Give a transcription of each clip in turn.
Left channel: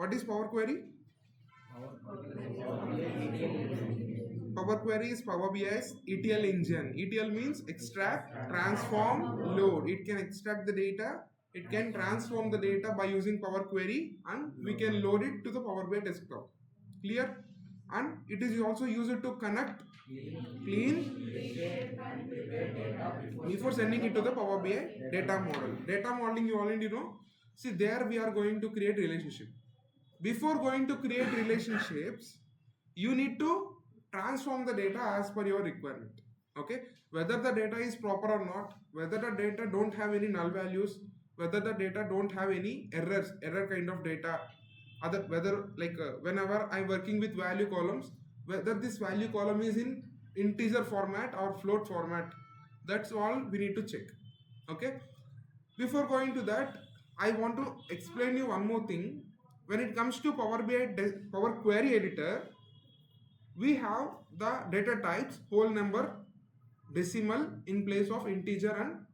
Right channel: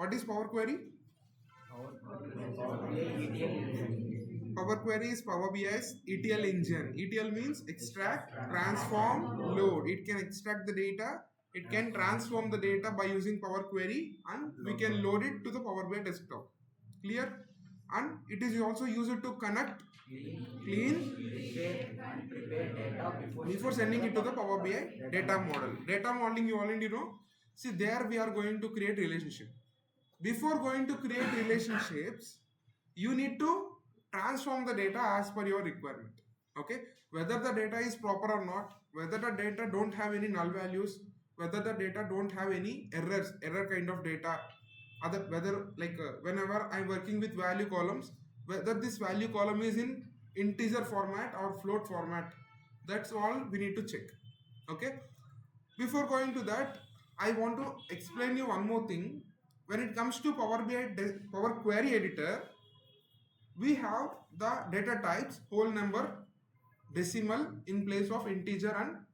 What is Power Query? Power Query is Power BI's ETL engine. ETL means extract, transform, load. It can extract the data, it can transform the data by using Power Query, and we can load it to the Power BI desktop. Clear? And it is also used to connect, clean, before sending it to the Power BI data model. Data modeling you already know. See, there we are going to create relationship. Before going to create relationships, you need to transform the data as per your requirement. Okay, whether the data is proper or not, whether the data don't have any null values, whether the data don't have any error kind of data, other whether like whenever I'm working with value columns, whether this value column is in integer format or float format, that's all we need to check. Okay, before going to that, I want to explain you one more thing. When it comes to Power BI Power Query Editor, we have the data types whole number, decimal in place of integer and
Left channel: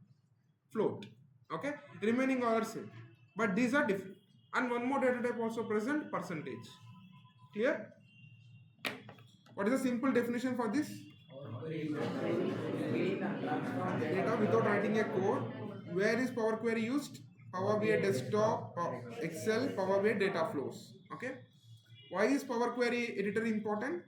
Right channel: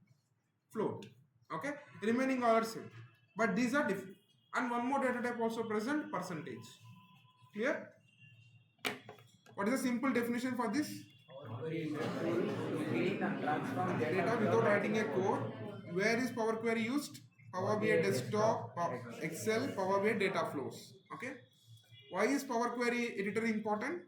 float. Okay, remaining all are same, but these are different. And one more data type also present, percentage. Clear? What is the simple definition for this? Data without writing a code. Where is Power Query used? Power BI desktop, Excel, Power BI data flows. Okay. Why is Power Query editor important?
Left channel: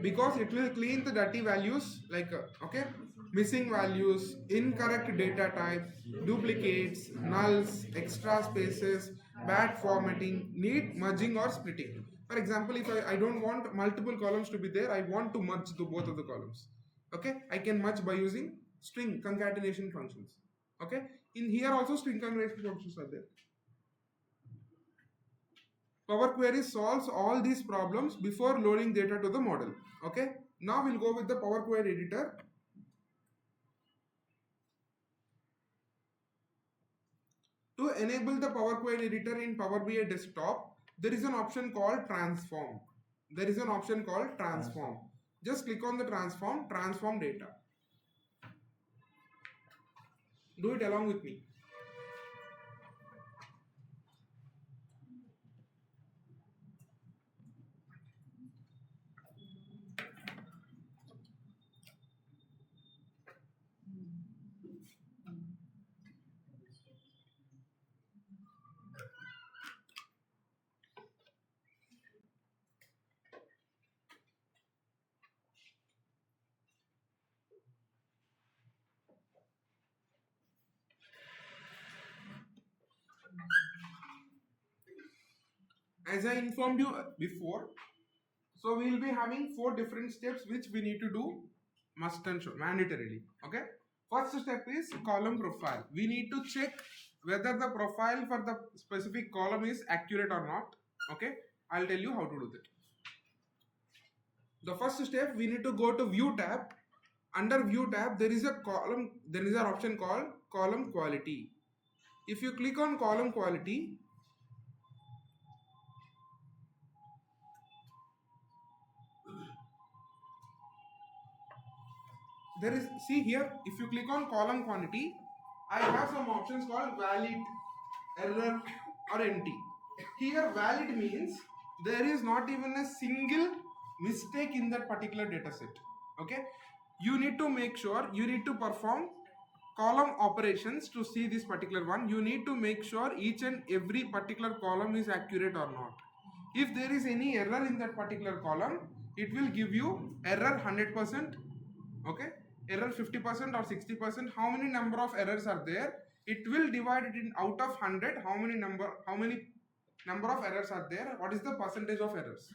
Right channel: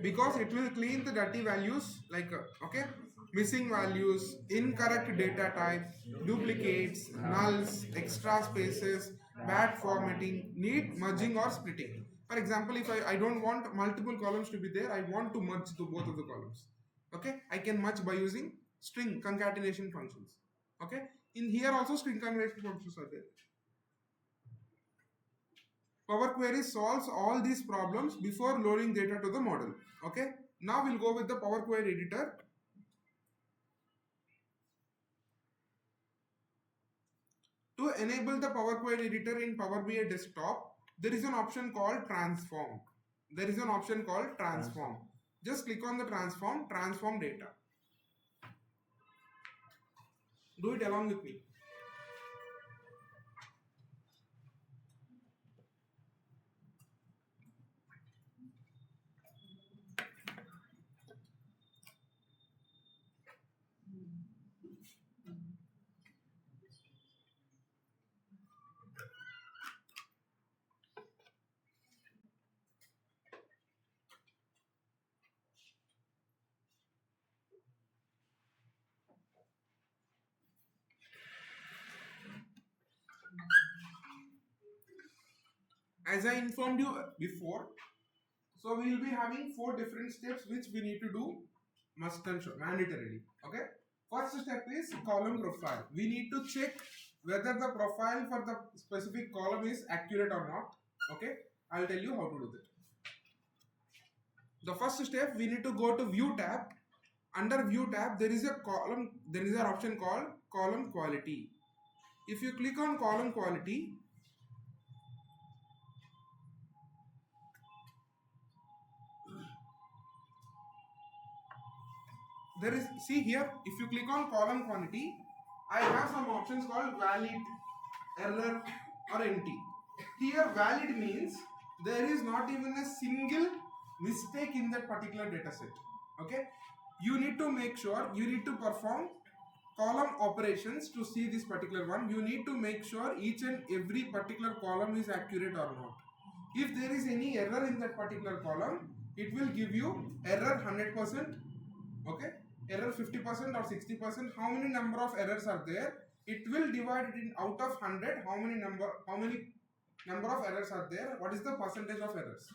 Because it will clean the dirty values like okay, missing values, incorrect data type, duplicates, nulls, extra spaces, bad formatting, need merging or splitting. For example, if I don't want multiple columns to be there, I want to merge the both of the columns. Okay, I can merge by using string concatenation functions. Okay, in here also string concatenation functions are there. Power Query solves all these problems before loading data to the model. Okay, now we'll go with the Power Query editor. To enable the Power Query editor in Power BI desktop, there is an option called transform. There is an option called transform. Just click on the transform data. Do it along with me. As I informed you before, so we will be having 4 different steps which we need to do must and should mandatorily. Okay. First step is column profile. We need to check whether the profile for the specific column is accurate or not. Okay. I'll tell you how to do that. The first step, we need to go to view tab. Under view tab, there is a column, there is an option called column quality. If you click on column quality, there is, see here, if you click on column quantity, I have some options called valid, error or empty. Here valid means there is not even a single mistake in that particular data set. Okay, you need to make sure, you need to perform column operations to see this particular one. You need to make sure each and every particular column is accurate or not. If there is any error in that particular column, it will give you error 100%, okay, error 50% or 60%. How many number of errors are there? It will divide it in out of 100. How many number of errors are there? What is the percentage of errors?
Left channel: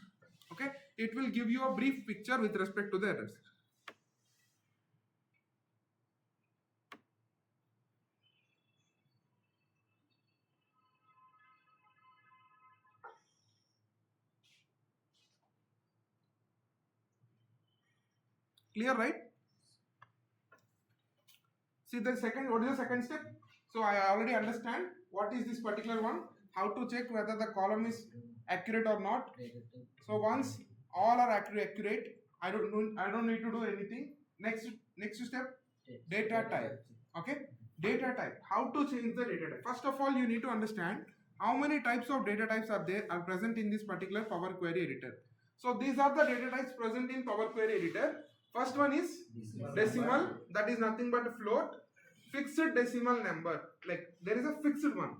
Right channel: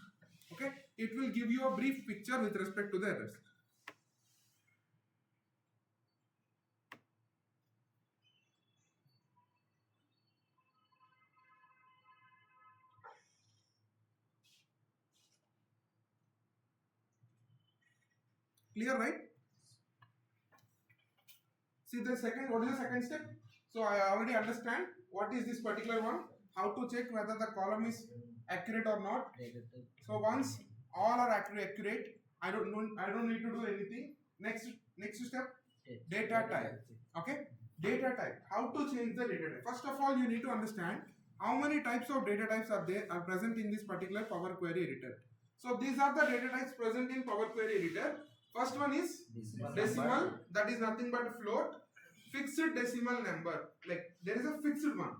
Okay, it will give you a brief picture with respect to the errors. Clear, right? See the second, what is the second step? So I already understand what is this particular one, how to check whether the column is accurate or not. So once all are accurate, I don't need to do anything. Next step, data type. Okay, Data type. How to change the data type? First of all, you need to understand how many types of data types are present in this particular Power Query editor. So these are the data types present in Power Query editor. First one is decimal, that is nothing but float. Fixed decimal number, like there is a fixed one.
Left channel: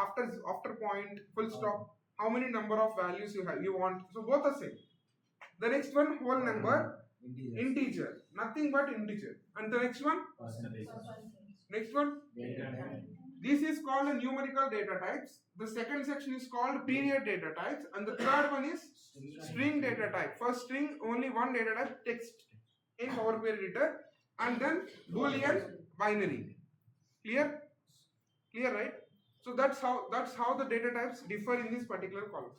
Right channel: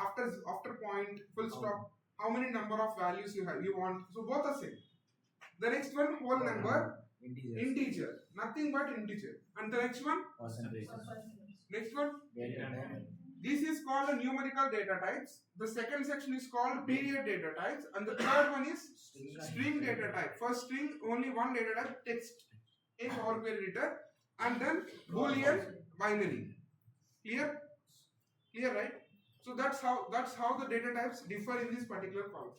After point, full stop, how many number of values you want. So both are same. The next one, whole number, integer, nothing but integer. And the next one, next one, this is called the numerical data types. The second section is called period data types, and the third one is string data type. For string, only one data type, text in Power Query editor, and then Boolean, binary. Clear? Clear, right? So that's how the data types differ in this particular column,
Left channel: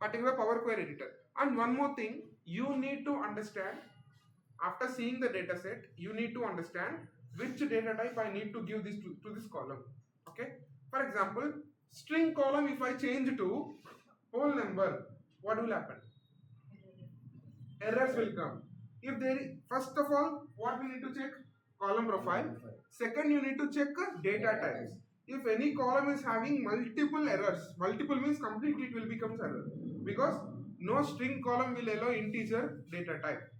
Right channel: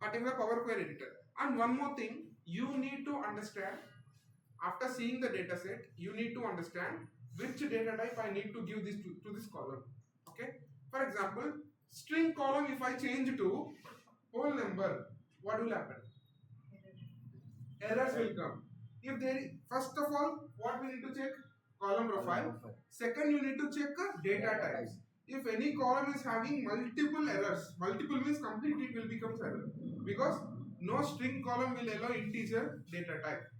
particular Power Query editor. And one more thing, you need to understand, after seeing the data set, you need to understand which data type I need to give this to this column. Okay? For example, string column, if I change to whole number, what will happen? Errors will come. If there is, first of all, what we need to check? Column profile. Second, you need to check data types. If any column is having multiple errors, multiple means completely it will become error, because no string column will allow integer data type.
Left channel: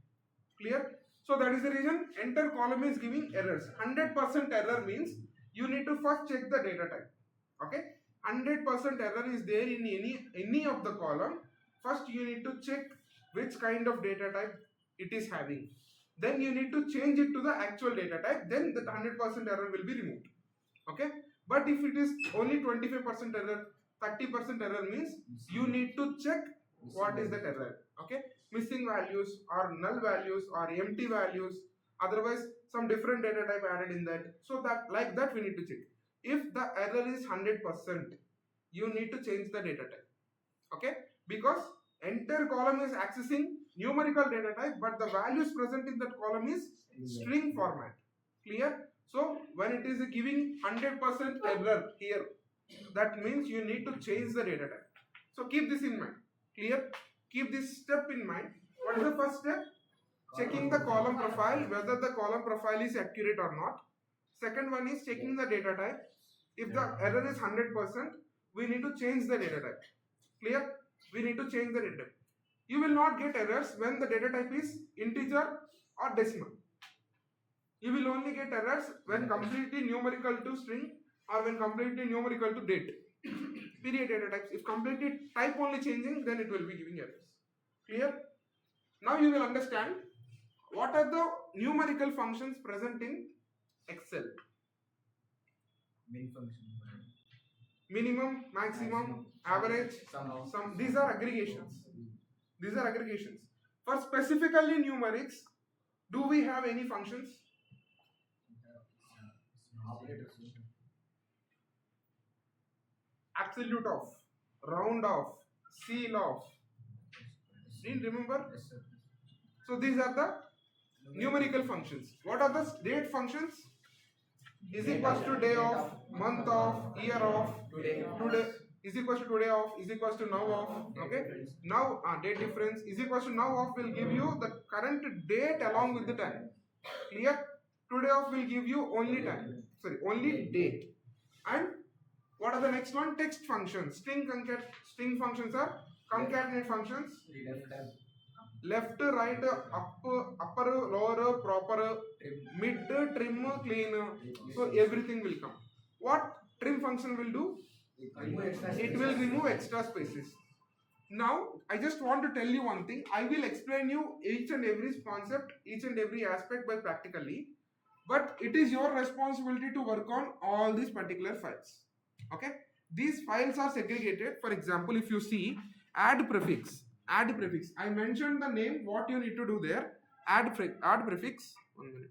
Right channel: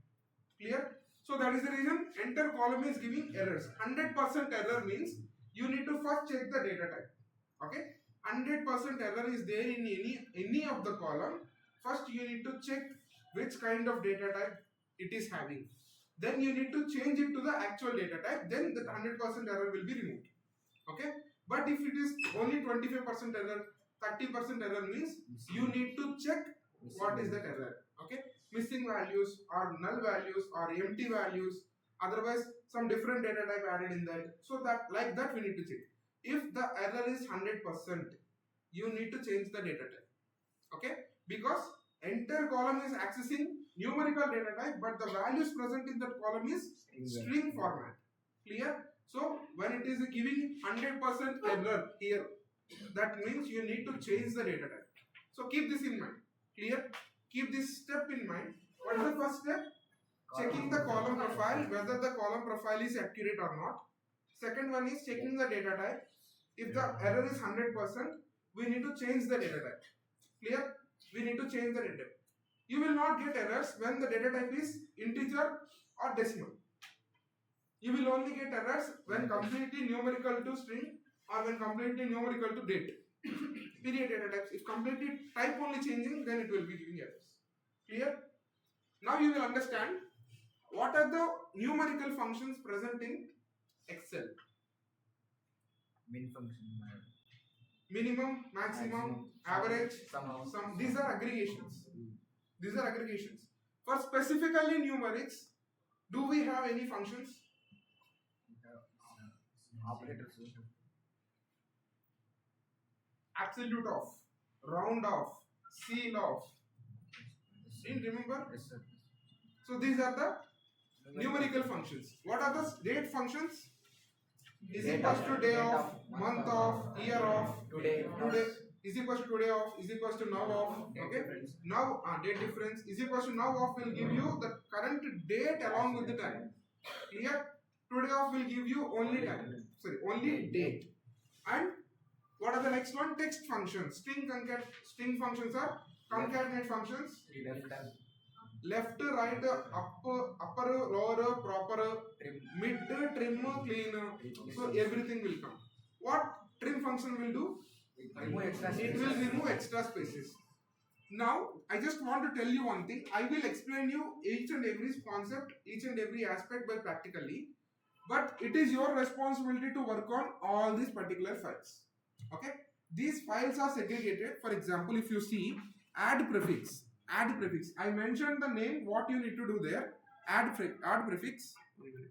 Clear? So that is the reason enter column is giving errors. 100% error means you need to first check the data type. Okay? 100% error is there in any of the column. First you need to check which kind of data type it is having. Then you need to change it to the actual data type. Then the 100% error will be removed. Okay? But if it is only 25% error, 30% error means you need to check what is that error. Okay? Missing values or null values or empty values, otherwise some different data type added in that. So that like that we need to check. If the error is 100%, you need to change the data type. Okay? Because enter column is accessing numerical data type, but the values present in that column is string format. Clear? So when it is giving 100% error here, that means you need to change the data type. So keep this in mind. Clear? Keep this step in mind. What is the first step? Checking the column profile, whether the column profile is accurate or not. Second one is checking the data type. If the error is 100%, we need to change the data type. Clear? We need to change the data type. You will not get errors when the data type is integer or decimal. You will only get errors when completely numerical to string or when completely numerical to date. Period data types. If completely type only changing, then it will be giving errors. Clear? Now you will understand what are the numerical functions present in Excel. Minimum, maximum, average, sum. These are aggregations. These are aggregations. For specifically numerics, do we have any functions? Absolute of, round off, seal off. Do you remember? Yes, sir. So these are the numerical functions. What are the date functions? Is equals to day of, month of, year of, today is equals to today of, is equals to now of. Okay. Now date difference is equals to now of will give you the current date along with the time. Clear? Today of will give you only time. Sorry, only date. And what are the next one? Text functions. String functions are concatenate functions. Left, right, upper, lower, proper, mid, trim, clean. So everything will come. What trim function will do? It will remove extra spaces. Now, I just want to tell you one thing. I will explain you each and every concept, each and every aspect by practically. But it is your responsibility to work on all these particular files. Okay? These files are segregated. For example, if you see add prefix. I mentioned the name, what you need to do there. Add prefix. 1 minute.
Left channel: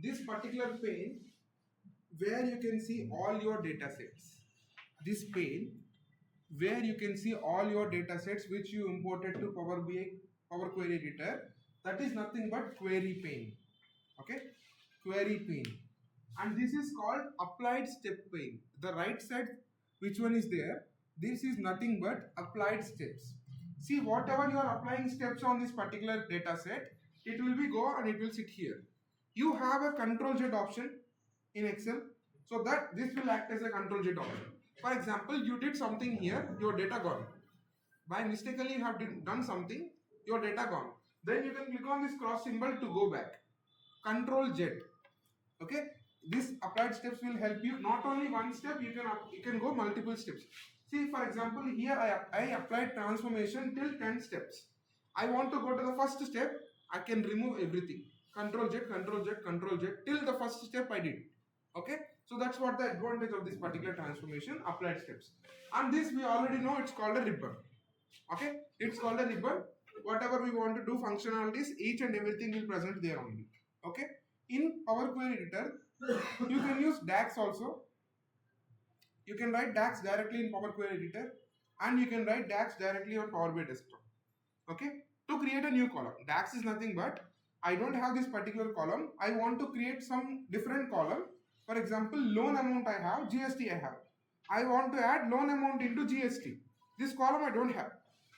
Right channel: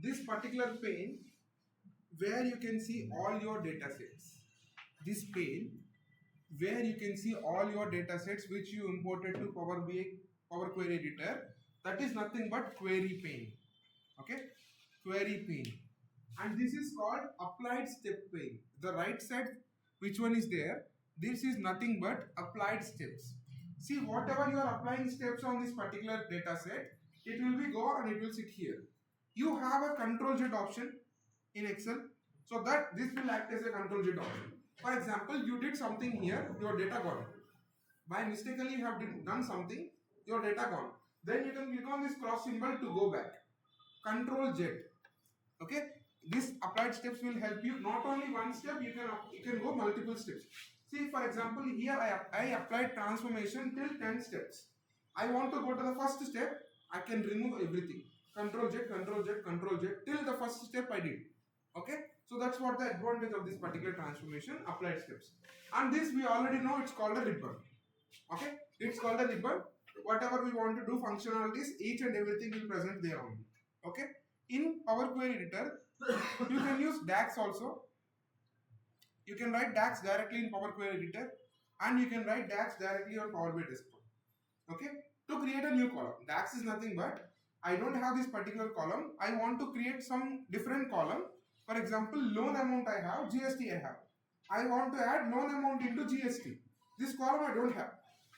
this particular pane where you can see all your data sets. This pane where you can see all your data sets which you imported to Power BI, Power Query Editor, that is nothing but query pane. Okay, query pane. And this is called applied step pane. The right side, which one is there? This is nothing but applied steps. See, whatever you are applying steps on this particular data set, it will be go and it will sit here. You have a control Z option in Excel, so that this will act as a control Z option. For example, you did something here, your data gone. By mistakenly you have done something, your data gone. Then you can click on this cross symbol to go back. Control Z. Okay, this applied steps will help you not only one step, you can go multiple steps. See, for example, here I applied transformation till 10 steps. I want to go to the first step, I can remove everything. Control Z, Control Z, Control Z till the first step I did. Okay, so that's what the advantage of this particular transformation, applied steps. And this we already know, it's called a ribbon. Okay, it's called a ribbon. Whatever we want to do functionalities, each and everything will present there only. Okay, in Power Query Editor you can use DAX also. You can write DAX directly in Power Query Editor, and you can write DAX directly on Power BI Desktop. Okay, to create a new column, DAX is nothing but I don't have this particular column, I want to create some different column. For example, loan amount I have, GST I have. I want to add loan amount into GST. This column I don't have.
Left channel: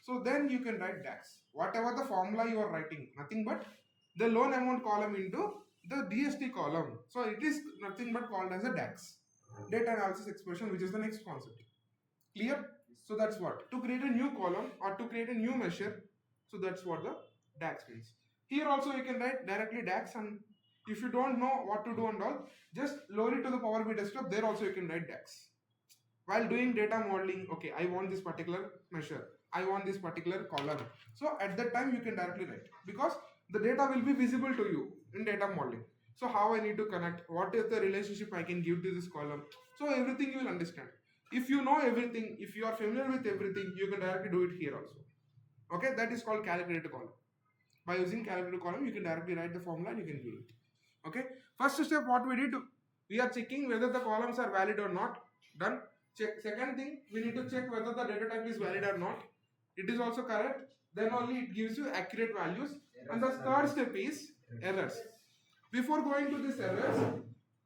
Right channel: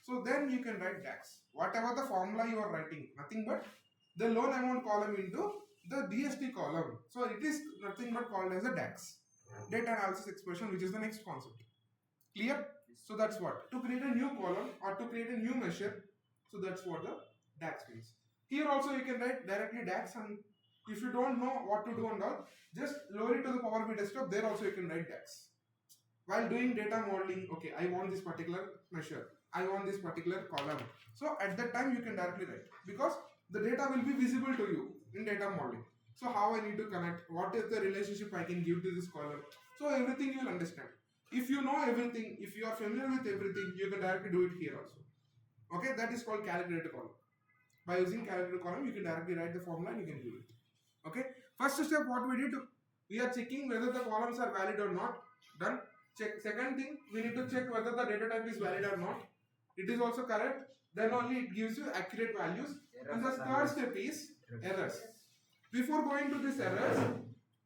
So then you can write DAX. Whatever the formula you are writing, nothing but the loan amount column into the GST column. So it is nothing but called as a DAX. Data analysis expression, which is the next concept. Clear? So that's what. To create a new column or to create a new measure, so that's what the DAX means. Here also you can write directly DAX, and if you don't know what to do and all, just load it to the Power BI Desktop. There also you can write DAX. While doing data modeling, okay, I want this particular measure, I want this particular column. So at that time you can directly write, because the data will be visible to you in data modeling. So how I need to connect, what is the relationship I can give to this column. So everything you will understand. If you know everything, if you are familiar with everything, you can directly do it here also. Okay, that is called calculator column. By using calculator column, you can directly write the formula and you can do it. Okay, first step what we did, we are checking whether the columns are valid or not. Done. Check. Second thing, we need to check whether the data type is valid or not. It is also correct. Then only it gives you accurate values. And the third step is errors. Before going to these errors,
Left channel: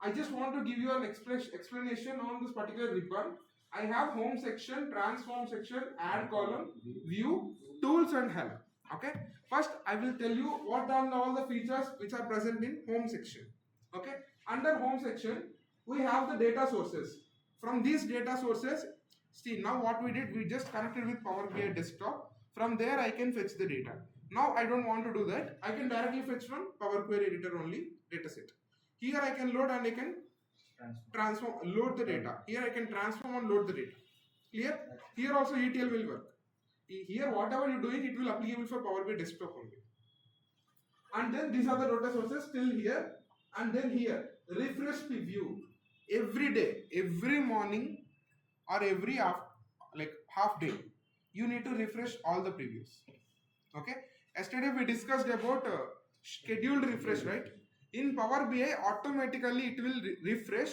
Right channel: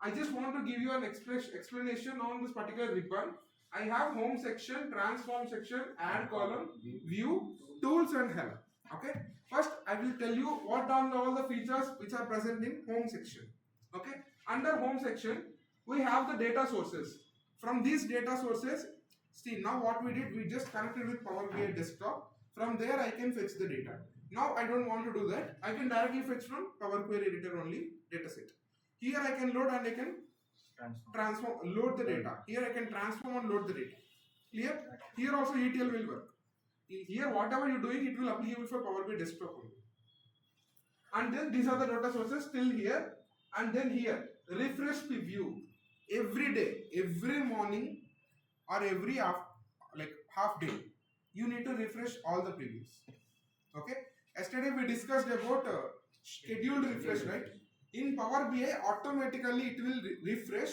I just want to give you an explanation on this particular ribbon. I have home section, transform section, add column, view, tools and help. Okay. First, I will tell you what are all the features which are present in home section. Okay. Under home section, we have the data sources. From these data sources, see now what we did, we just connected with Power BI Desktop. From there, I can fetch the data. Now I don't want to do that. I can directly fetch from Power Query Editor only dataset. Here I can load and I can transform, load the data. Here I can transform and load the data. Clear? Here also ETL will work. Here whatever you're doing, it will applicable for Power BI Desktop only. And then these are the data sources still here. And then here, refresh preview. Every day, every morning or every half day, you need to refresh all the previews. Okay. Yesterday we discussed about scheduled refresh, right? In Power BI, automatically it will refresh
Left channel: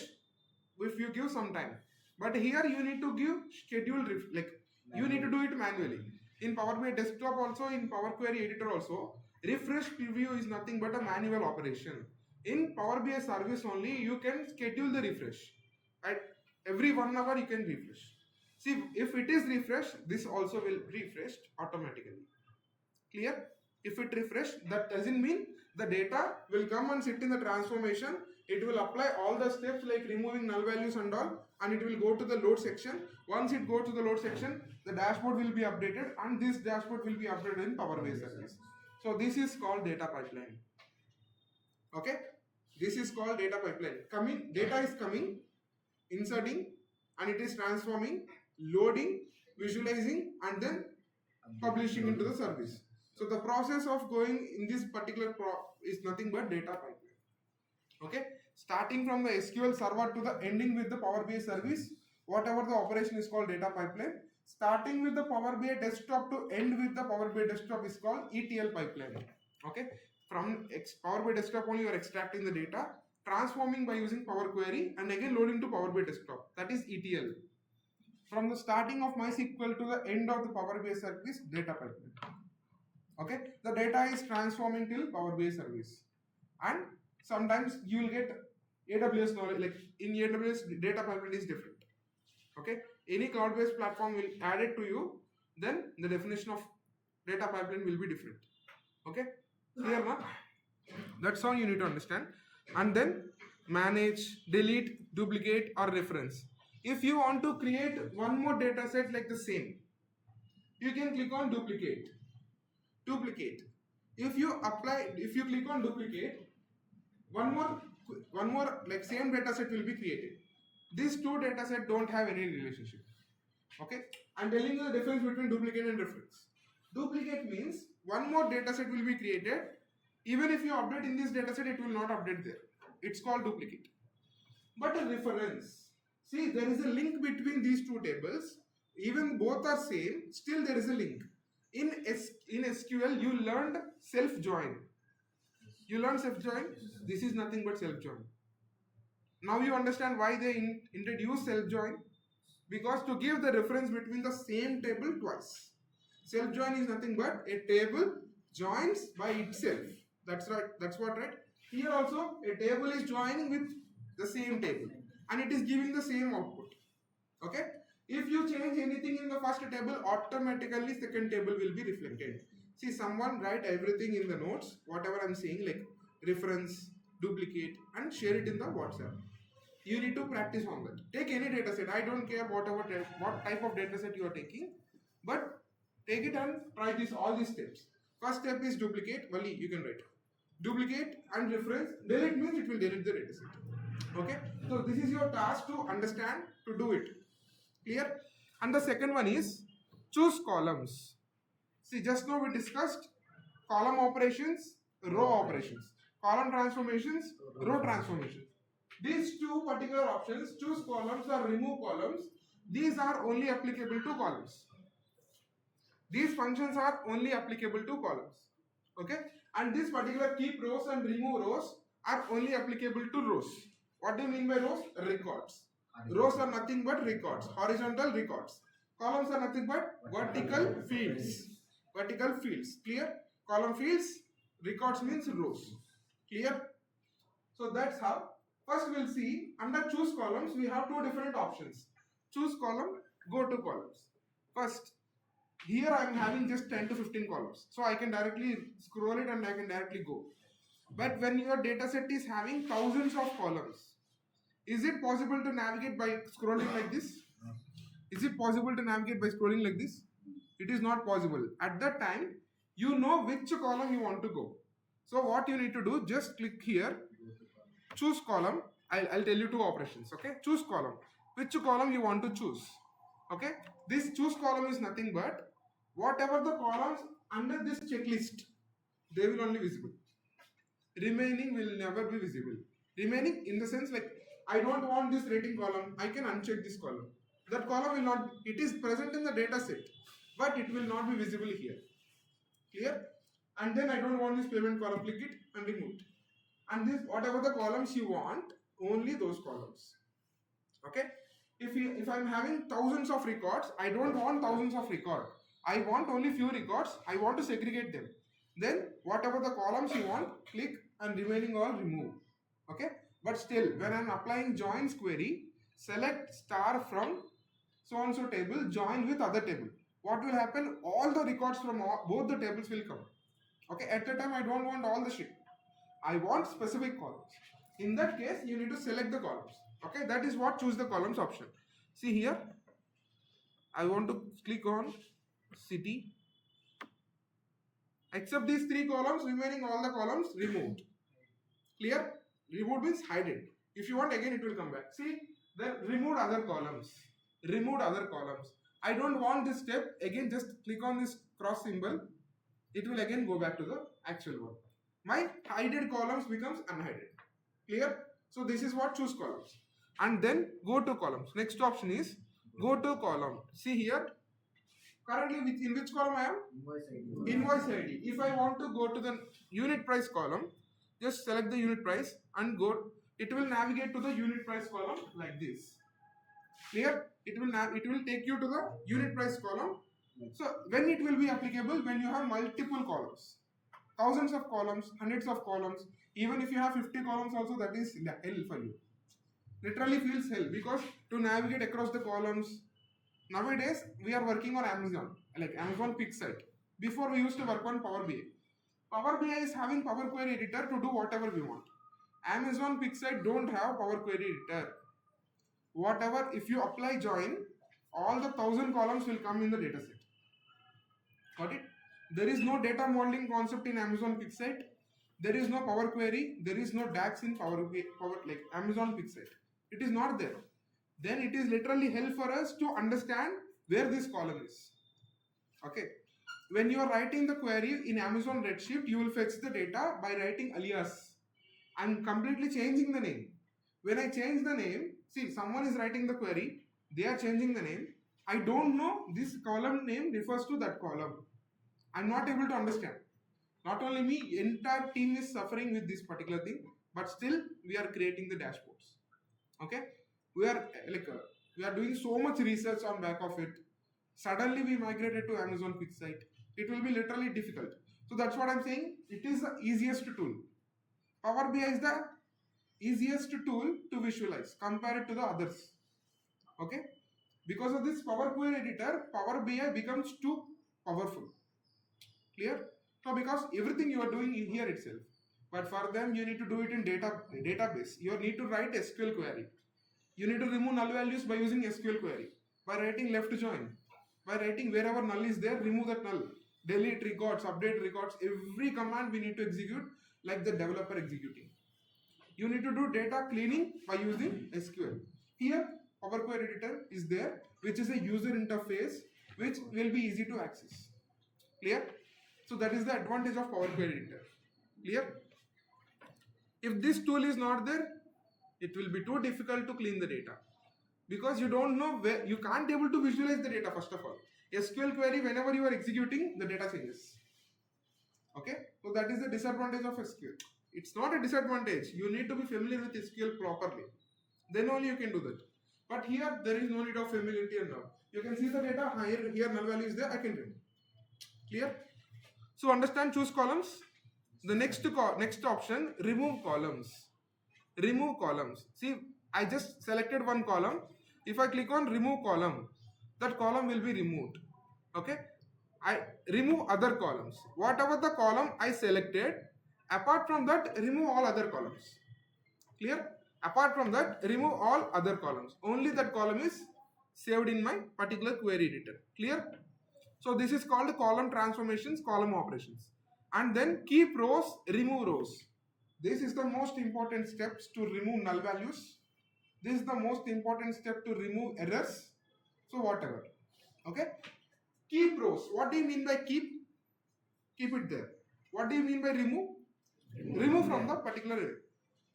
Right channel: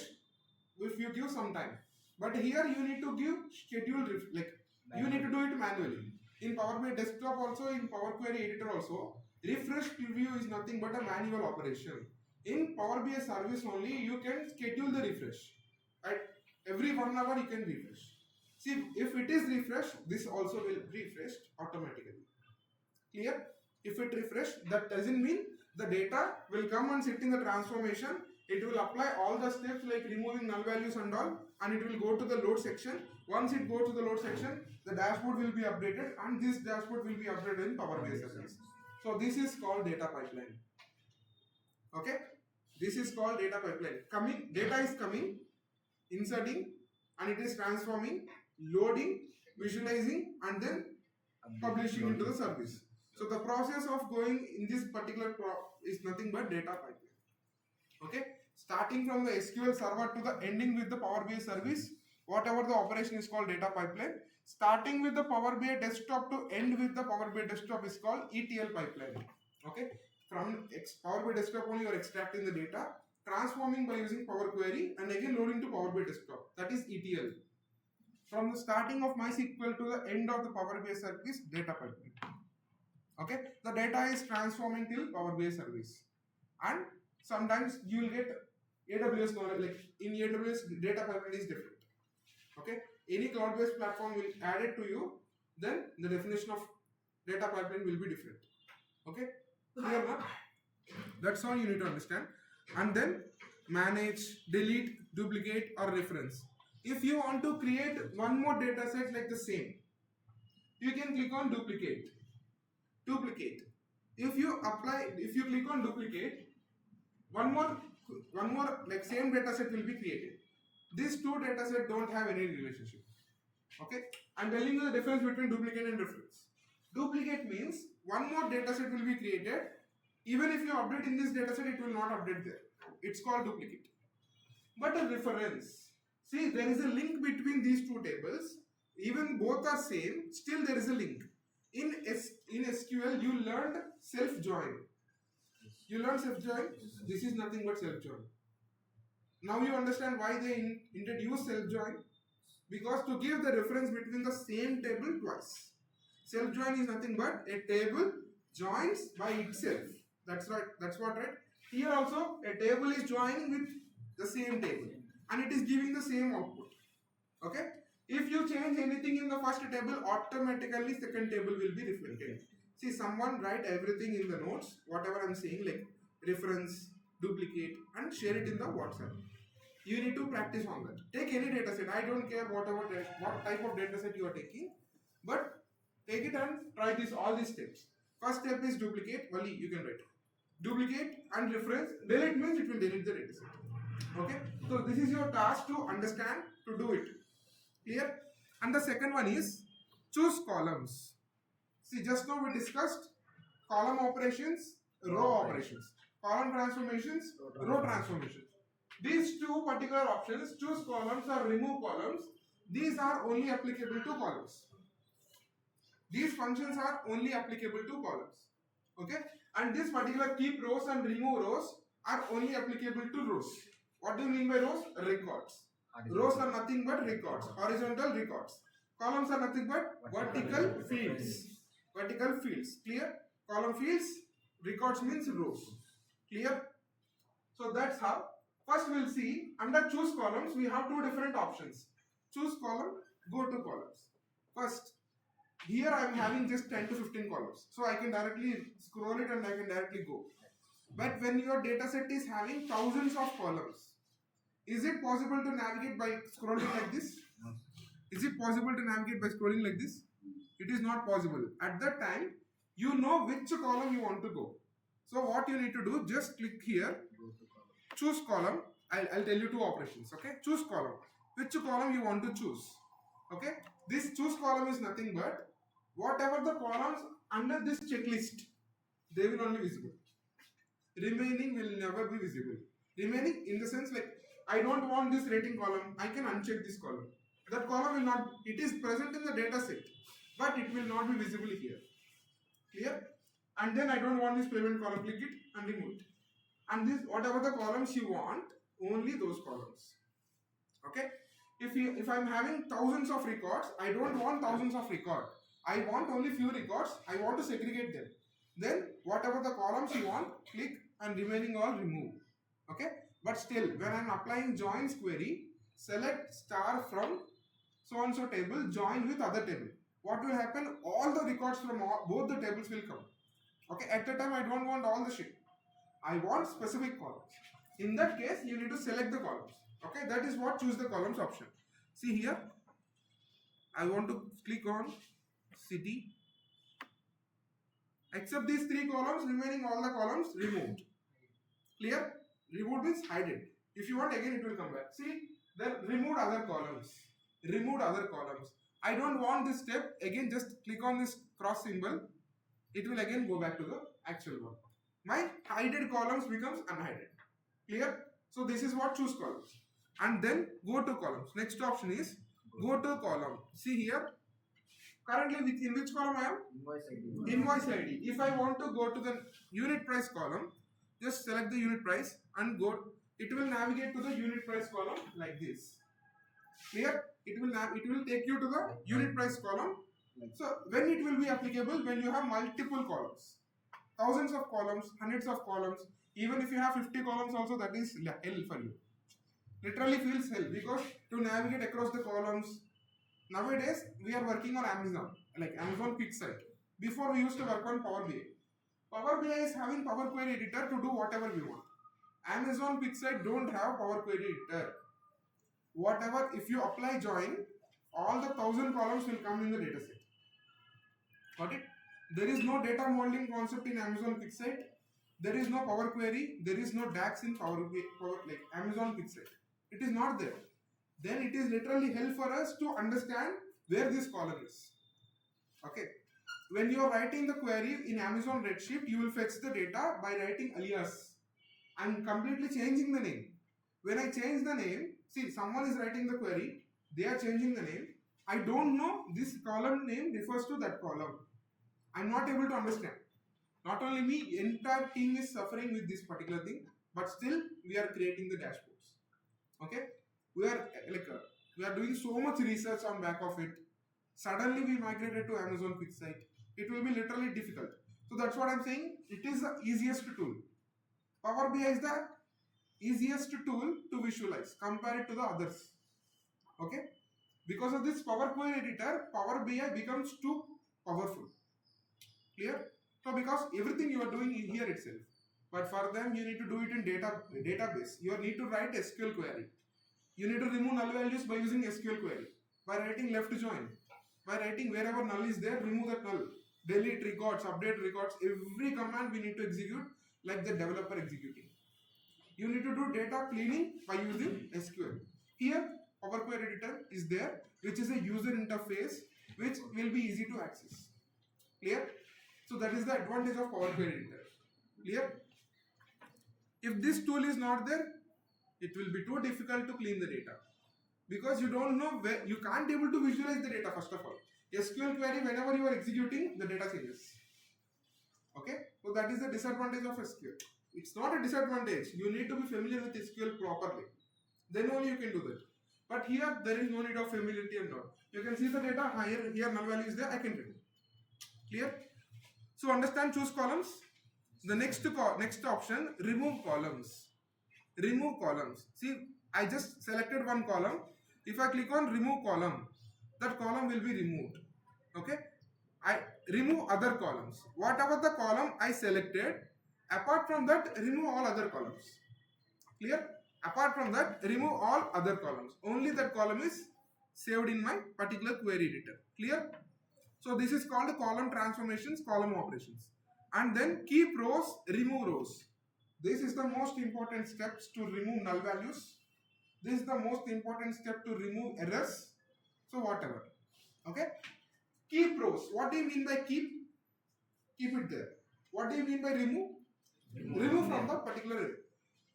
if you give some time. But here you need to give scheduled you need to do it manually. In Power BI Desktop also, in Power Query Editor also, refresh preview is nothing but a manual operation. In Power BI service only, you can schedule the refresh. Right? Every 1 hour you can refresh. See, if it is refreshed, this also will refresh automatically. Clear? If it refresh, that doesn't mean the data will come and sit in the transformation. It will apply all the steps like removing null values and all, and it will go to the load section. Once it goes to the load section, the dashboard will be updated, and this dashboard will be updated in Power BI service. So this is called data pipeline. Okay, this is called data pipeline. Data is coming, inserting, and it is transforming, loading, visualizing, and then publishing into the service. So the process of going in this particular is nothing but data pipeline. Okay, starting from the SQL server to the ending with the Power BI service, whatever the operation is called data pipeline. Starting with the Power BI Desktop to end with the Power BI Desktop is called ETL pipeline. Okay, from Power BI Desktop only you are extracting the data. transforming by using Power Query, and again loading to Power BI desktop. That is ETL. From the starting of MySQL to the end of the Power BI service data pipeline. Okay, the data is transforming till Power BI service, and sometimes you will get AWS knowledge. Like in AWS, data pipeline is different. Okay, any cloud-based platform will add it to you, then the definition of data pipeline will be different. Okay, clear now? That's all you need to understand. And then manage, delete, duplicate, or reference. If you want to create one more data set like the same, you can click on duplicate. If you click on duplicate, one more like same data set will be created. These two data set don't have any relationship. Okay, I'm telling you the difference between duplicate and reference. Duplicate means one more data set will be created. Even if you update in this data set, it will not update there. It's called duplicate. But a reference, see, there is a link between these two tables. Even both are same, still there is a link. In SQL, you learned self-join. You learned self-join. This is nothing but self-join. Now you understand why they introduce self-join. Because to give the reference between the same table twice. Self-join is nothing but a table joins by itself. That's right. That's what, right? Here also a table is joining with the same table and it is giving the same output. Okay. If you change anything in the first table, automatically second table will be reflected. See, someone write everything in the notes, whatever I'm saying, like reference, duplicate, and share it in the WhatsApp. You need to practice on that. Take any data set. I don't care what type of data set you are taking, but take it and try all these steps. First step is duplicate. Wali, you can write duplicate and reference. Delete means it will delete the data set. Okay. So this is your task to understand, to do it. Clear? And the second one is choose columns. See, just now we discussed column operations, row operations, column transformations, row transformations. These two particular options, choose columns or remove columns, these are only applicable to columns. These functions are only applicable to columns. Okay? And this particular keep rows and remove rows are only applicable to rows. What do you mean by rows? Records. Rows are nothing but records, horizontal records. Columns are nothing but vertical fields. Vertical fields. Clear? Column fields, records means rows. Clear? So that's how. First we'll see under choose columns we have two different options. Choose column, go to columns. First, here I am having just 10 to 15 columns. So I can directly scroll it and I can directly go. But when your data set is having thousands of columns, is it possible to navigate by scrolling like this? Is it possible to navigate by scrolling like this? It is not possible. At that time, you know which column you want to go. So what you need to do, just click here, choose column. I'll tell you two operations. Okay, choose column. Which column you want to choose? Okay, this choose column is nothing but whatever the columns under this checklist, they will only visible. Remaining will never be visible. Remaining in the sense like I don't want this rating column, I can uncheck this column. That column will not, it is present in the data set, but it will not be visible here. Clear? And then I don't want this payment column, click it and remove it. And this, whatever the columns you want, only those columns. Okay? If I'm having thousands of records, I don't want thousands of records. I want only few records. I want to segregate them. Then whatever the columns you want, click and remaining all remove. Okay? But still, when I'm applying joins query, select star from so and so table, join with other table. What will happen? All the records from both the tables will come. Okay? At the time, I don't want all the shit. I want specific columns. In that case, you need to select the columns. Okay? That is what choose the columns option. See here, I want to click on city. Except these three columns, remaining all the columns removed. Clear? Removed means hide it. If you want again, it will come back. See, then removed other columns. Removed other columns. I don't want this step. Again, just click on this cross symbol. It will again go back to the actual one. My hided columns becomes unhided. Clear? So this is what choose columns. And then go to columns. Next option is go to column. See here. Currently, in which column I am? Invoice ID. If I want to go to the unit price column, just select the unit price and go. it will navigate to the unit price column like this. Clear? It will take you to the unit price column. So when it will be applicable? When you have multiple columns, thousands of columns, hundreds of columns. Even if you have 50 columns also, that is hell for you. Literally feels hell, because to navigate across the columns, nowadays we are working on Amazon, like Amazon Pick site. Before we used to work on Power BI. Power BI is having Power Query Editor to do whatever we want. Amazon Pick site don't have Power Query Editor. Whatever, if you apply join, all the 1000 columns will come in the dataset. Got it? There is no data modeling concept in Amazon Pick site. There is no Power Query. There is no DAX in Power like Amazon Pick site. It is not there. Then it is literally hell for us to understand where this column is. Okay. When you are writing the query in Amazon Redshift, you will fetch the data by writing alias. I'm completely changing the name. When I change the name, see, someone is writing the query, they are changing the name. I don't know this column name refers to that column. I'm not able to understand. Not only me, entire team is suffering with this particular thing, but still we are creating the dashboards. Okay, we are doing so much research on back of it. Suddenly we migrated to Amazon Pick site. It will be literally difficult. So that's what I'm saying. It is the easiest tool. Power BI is the easiest tool to visualize compared to the others. Okay, because of this Power Query Editor, Power BI becomes too powerful. Clear? So because everything you are doing in here itself, but for them you need to do it in database. You need to write SQL query. You need to remove null values by using SQL query, by writing left join, by writing wherever null is there, remove that null, delete records, update records. Every command we need to execute like the developer executing. You need to do data cleaning by using SQL. Here Power Query Editor is there, which is a user interface which will be easy to access. Clear? So that is the advantage of Power Query Editor. Clear? If this tool is not there, it will be too difficult to clean the data, because you don't know where, you can't able to visualize the data. First of all, SQL query, whenever you are executing, the data changes. Okay, so that is the disadvantage of SQL. It's not a disadvantage. You need to be familiar with SQL properly. Then only you can do that. But here there is no need of familiarity and all. You can see the data here null value is there. I can remove. Clear? So understand, choose columns. The next option, remove columns. Remove columns. See, I just selected one column. If I click on remove column, that column will be removed. Okay, I remove other columns. Whatever the column I selected, apart from that, remove all other columns. Clear? Apart from that, remove all other columns. Only that column is saved in my particular query editor. Clear? So this is called column transformations, column operations. And then keep rows, remove rows. This is the most important steps to remove null values. This is the most important step to remove errors. So whatever. Okay. Keep rows. What do you mean by keep? Keep it there. What do you mean by remove? Remove from the particular array.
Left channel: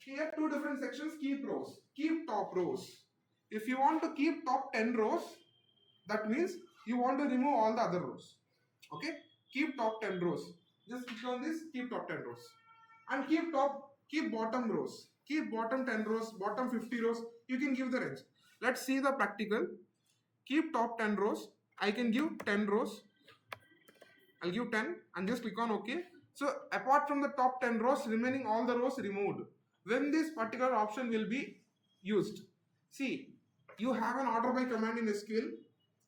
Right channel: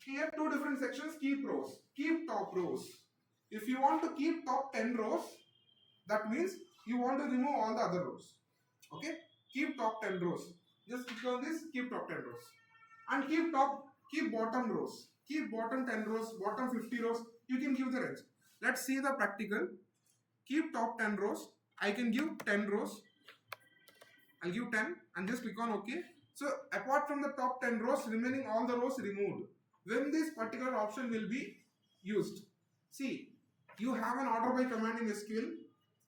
Here two different sections. Keep rows. Keep top rows. If you want to keep top 10 rows, that means you want to remove all the other rows. Okay. Keep top 10 rows. Just click on this. Keep top 10 rows. And keep bottom rows. Keep bottom 10 rows, bottom 50 rows. You can give the range. Let's see the practical. Keep top 10 rows. I can give 10 rows. I'll give 10 and just click on OK. So apart from the top 10 rows, remaining all the rows removed. When this particular option will be used? See, you have an order by command in SQL.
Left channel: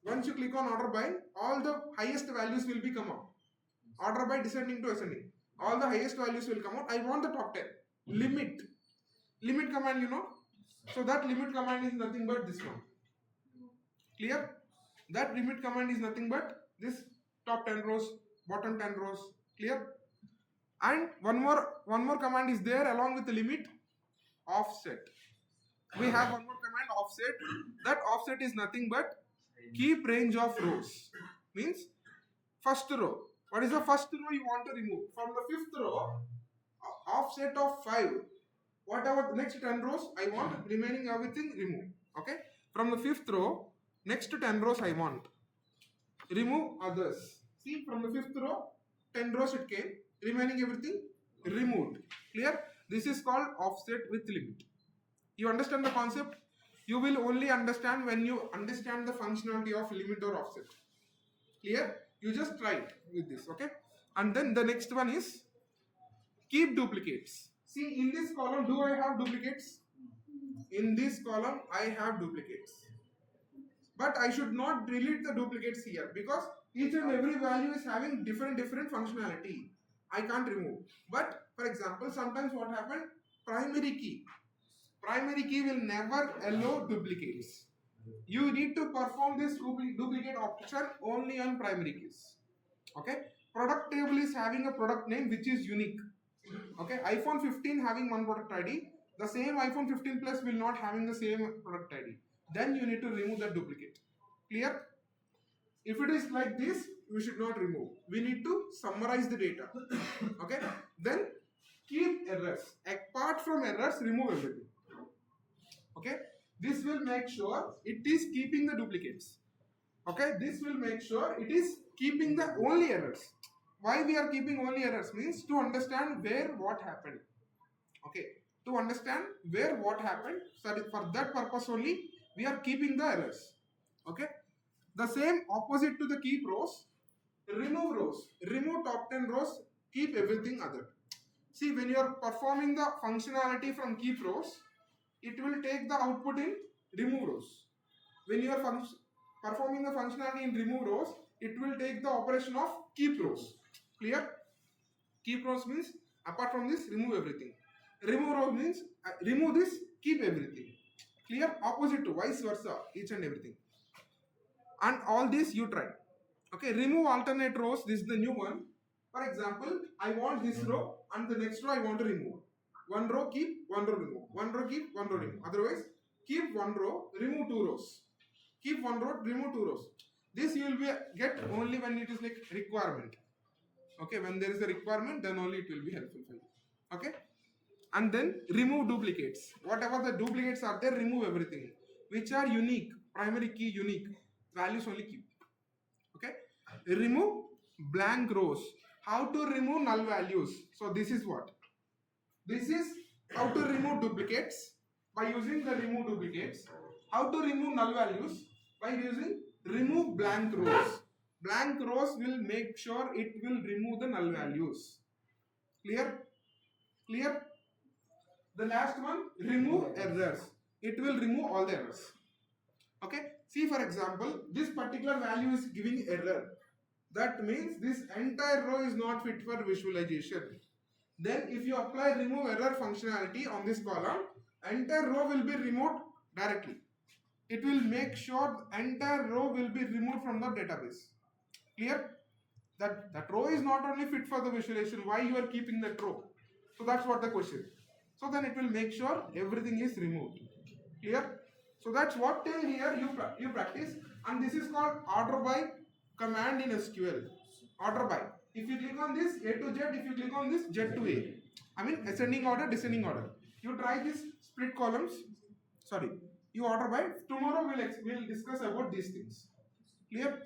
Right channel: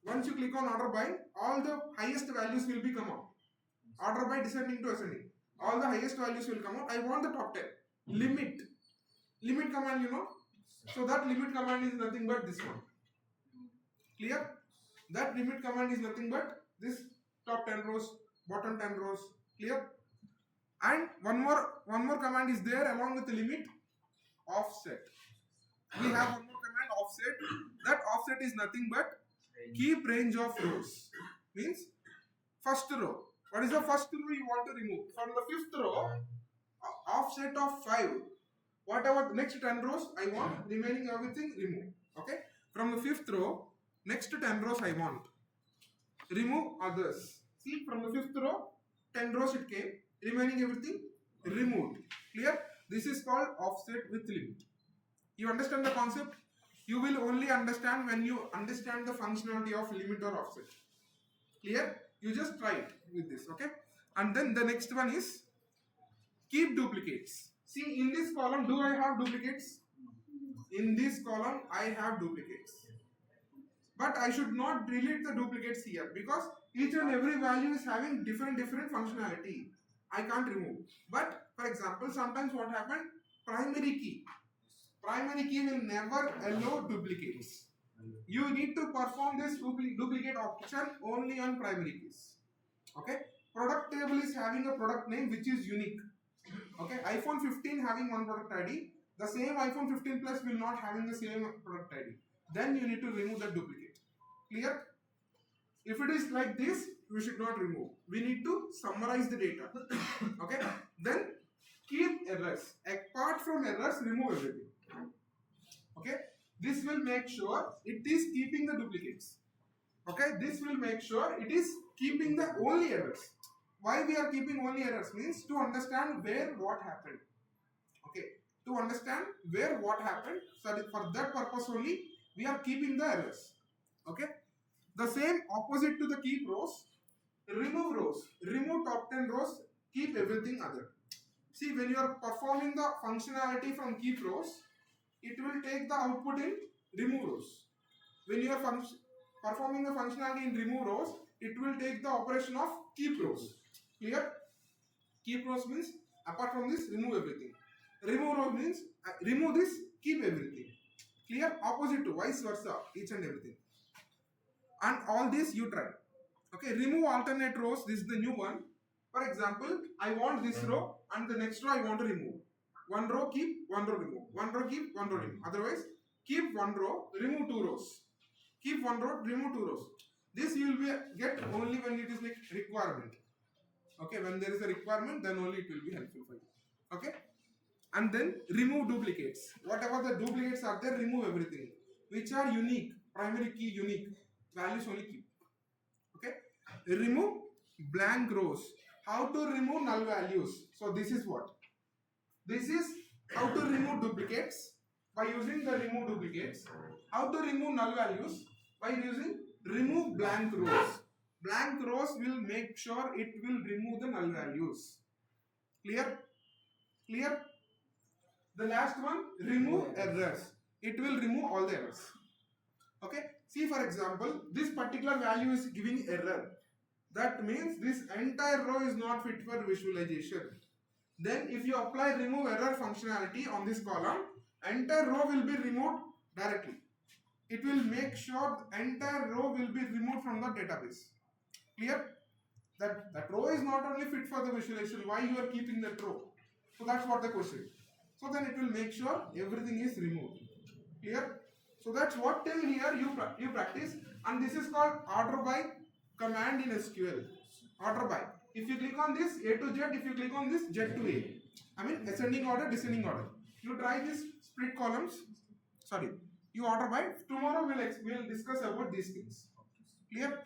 Once you click on order by, all the highest values will be come out. Order by descending to ascending. All the highest values will come out. I want the top 10. Limit command, you know. So that limit command is nothing but this one. Clear? That limit command is nothing but this top 10 rows, bottom 10 rows. Clear? And one more command is there along with the limit, offset. We have one more command, offset. That offset is nothing but keep range of rows. Means first row. What is the first row you want to remove? From the fifth row, offset of 5. Whatever the next 10 rows I want, remaining everything remove. Okay. From the fifth row, next 10 rows I want. Remove others. See, from the fifth row, 10 rows it came. Remaining everything removed. Clear? This is called offset with limit. You understand the concept? You will only understand when you understand the functionality of limit or offset. Clear? You just try it with this, okay? And then the next one is keep duplicates. See, in this column, do I have duplicates? In this column, I have duplicates. But I should not delete the duplicates here because each and every value is having different functionality. I can't remove. But for example, sometimes what happened? Primary key will never allow duplicates. You need to perform this duplicate option only on primary keys. Okay. Product table is having a product name which is unique. Okay. iPhone 15 having one product ID. The same iPhone 15 Plus will not having the same product ID. Then you need to remove the duplicate. Clear? If it is like this, we should not remove. We need to summarize the data. Okay. Then keep errors. Apart from errors, remove everything. Okay. This will make sure it is keeping the duplicates. Okay. This will make sure it is keeping the only errors. Why we are keeping only errors means to understand where what happened. Okay. To understand where what happened. So for that purpose only, we are keeping the errors. Okay. The same opposite to the keep rows, remove rows. Remove top 10 rows, keep everything other. See, when you are performing the functionality from keep rows, it will take the output in remove rows. When you are performing the functionality in remove rows, it will take the operation of keep rows. Clear? Keep rows means apart from this, remove everything. Remove rows means remove this, keep everything. Clear? Opposite to vice versa, each and everything. And all this you try. Okay, remove alternate rows. This is the new one. For example, I want this row and the next row I want to remove. One row keep, one row remove. One row keep, one row remove. Otherwise, keep one row, remove two rows. Keep one row, remove two rows. This you will get only when it is like requirement. Okay, when there is a requirement, then only it will be helpful for you. Okay, and then remove duplicates. Whatever the duplicates are there, remove everything. Which are unique, primary key unique. Values only keep. Okay. Remove blank rows. How to remove null values? So this is what? This is how to remove duplicates by using the remove duplicates. How to remove null values by using remove blank rows. Blank rows will make sure it will remove the null values. Clear? Clear? The last one, remove errors. It will remove all the errors. Okay. See, for example, this particular value is giving error. That means this entire row is not fit for visualization. Then if you apply remove error functionality on this column, entire row will be removed directly. It will make sure the entire row will be removed from the database. Clear? That row is not only fit for the visualization. Why you are keeping that row? So that's what the question. So then it will make sure everything is removed. Clear? So that's what till here you practice, and this is called order by command in SQL. Order by. If you click on this A to Z, if you click on this Z to A, I mean ascending order, descending order. You try this split columns. Sorry, you order by. Tomorrow we'll discuss about these things. Clear?